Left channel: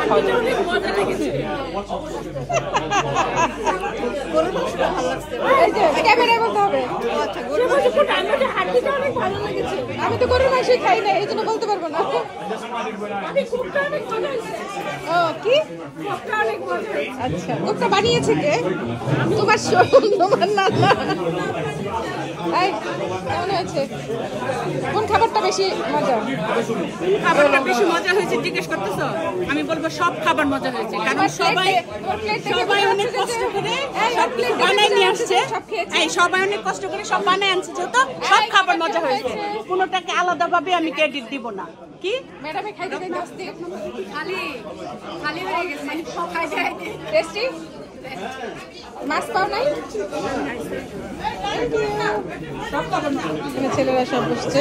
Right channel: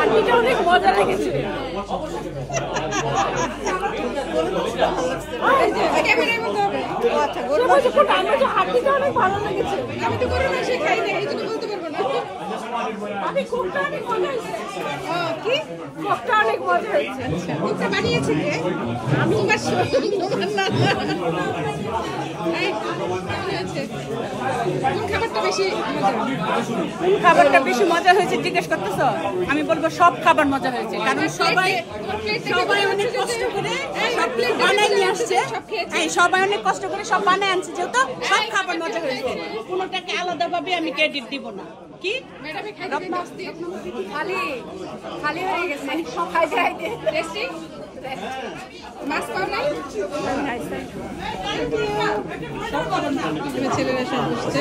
আন্টিটা অনেক মজা লেগেছে। আমি তো গরুর মাংস খাই না, এই জন্য বলতে পারবো না। ও কি কোকটা অনেক মজা হয়েছে। আচ্ছা, কোকটা বানিয়েছে কে? তোমার তোমার না। কেমন হয়েছে? কোন খাবারটা বেশি মজা? খাবারটা বেশি মজা হয়েছে জিজ্ঞেস করতেছো? আমি বলবো সব খাবার মজা হয়েছে, কারণ সবাই অনেক কষ্ট করে সব বানায় নিয়ে আসছে। এই সবাই অনেক কষ্ট করে সব বানায় আনছে, যেহেতু সব খাবার মজা হয়েছে। কোনোটাকে আলাদাভাবে আমি ক্রেডিট দিব না। কি ম্যাডামে খাইতে নাস্তি খালি খালি হয়ে গেছে। খাইতে খাইতে টেস্টি মাছ পাও নাই? ছেলেরা সব বসছে।